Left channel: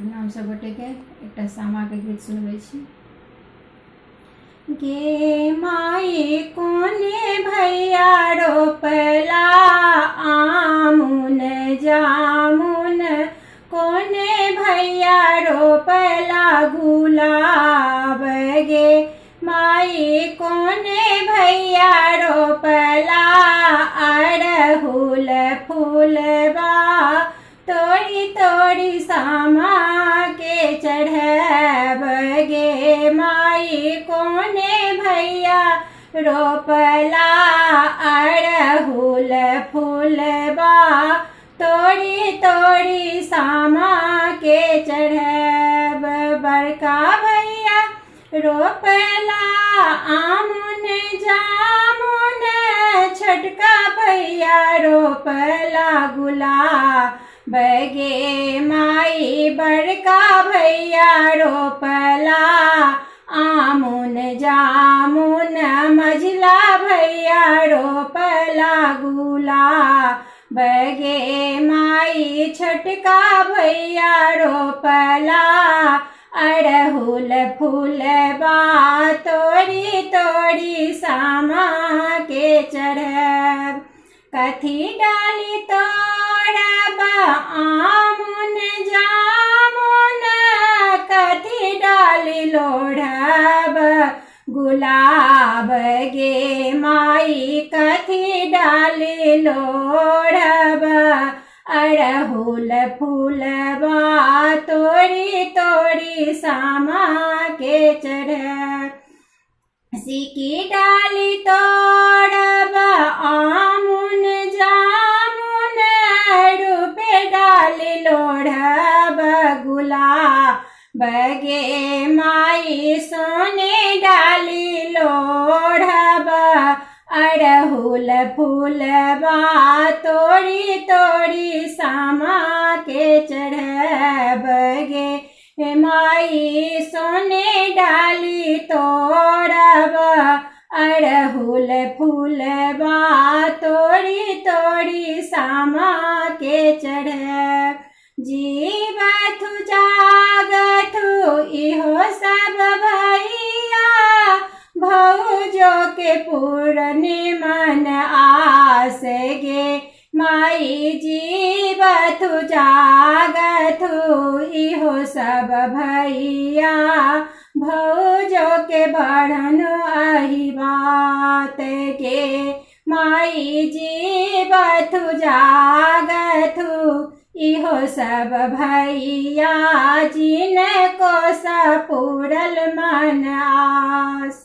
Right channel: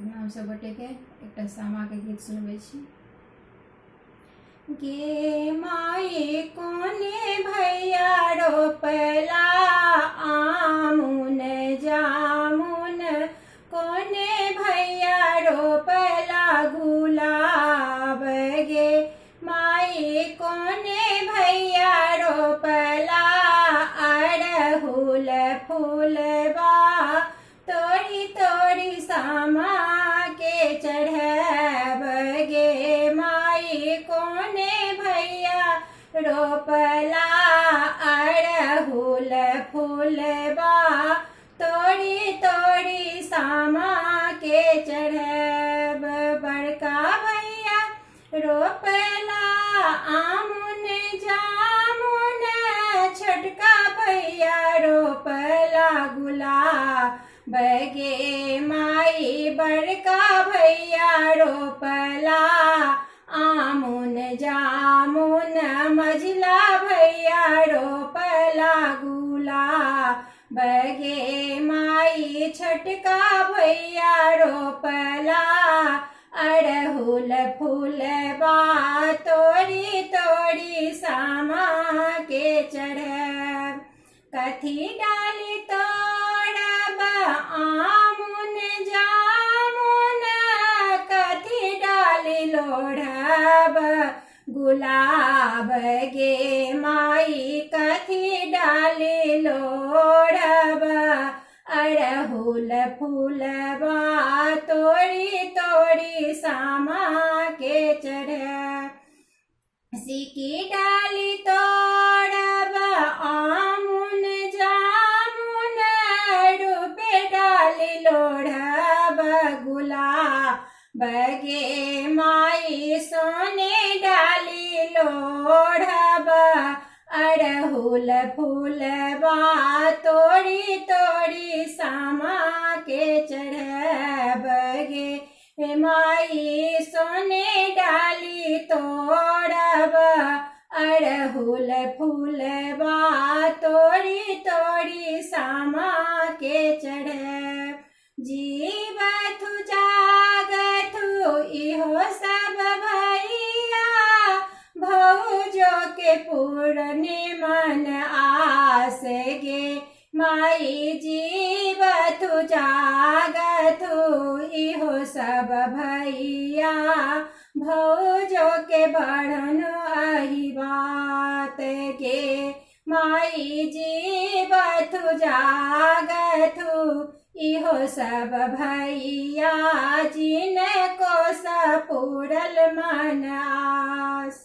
प्रणाम सब गोटे के एक सामा के गीत सुनबे छी। गे माई कोने भैया रोपला आमुन जामुन, कोने भैया रोपला गुलाब। गे माई कोने भैया रोपला अड़हुल फूलबा, तोड़ी तोड़ी सामा के चढ़ब। गे माई कोने भैया रोपला अड़हुल फूलबा, तोड़ी तोड़ी सामा के चढ़ब। बड़का भैया रोपला आमुन जामुन, छोटका भैया रोपला गुलाब। गे माई बड़का भैया रोपला आमुन जामुन, मझला भैया रोपला गुलाब। गे माई छोटका भैया रोपला अड़हुल फूलबा, तोड़ी तोड़ी सामा के चढ़ब। कथी डाली तोड़ब आमुन जामुन, कथी डाली लोढ़ब गुलाब। गे माई कथी डाली लोढ़ब अड़हुल फूलबा, तोड़ी तोड़ी सामा के चढ़ब। सिकी डाली तोड़ब आमुन जामुन, रूपे डाली लोढ़ब गुलाब। गे माई सोने डाली लोढ़ब अड़हुल फूलबा, तोड़ी तोड़ी सामा के चढ़ब। गे माई सोने डाली तोड़ब अड़हुल फूलबा, तोड़ी तोड़ी सामा के चढ़ब। जीवथु जागथु इहो सब भैया, भौजो के पूर्ण मन आस। गे माई जीवथु जागथु इहो सब भैया, भौजो के बढ़न अहि बात। गे माई जीवथु जागथु इहो सब भैया, जिनको सा पूरल मन आस।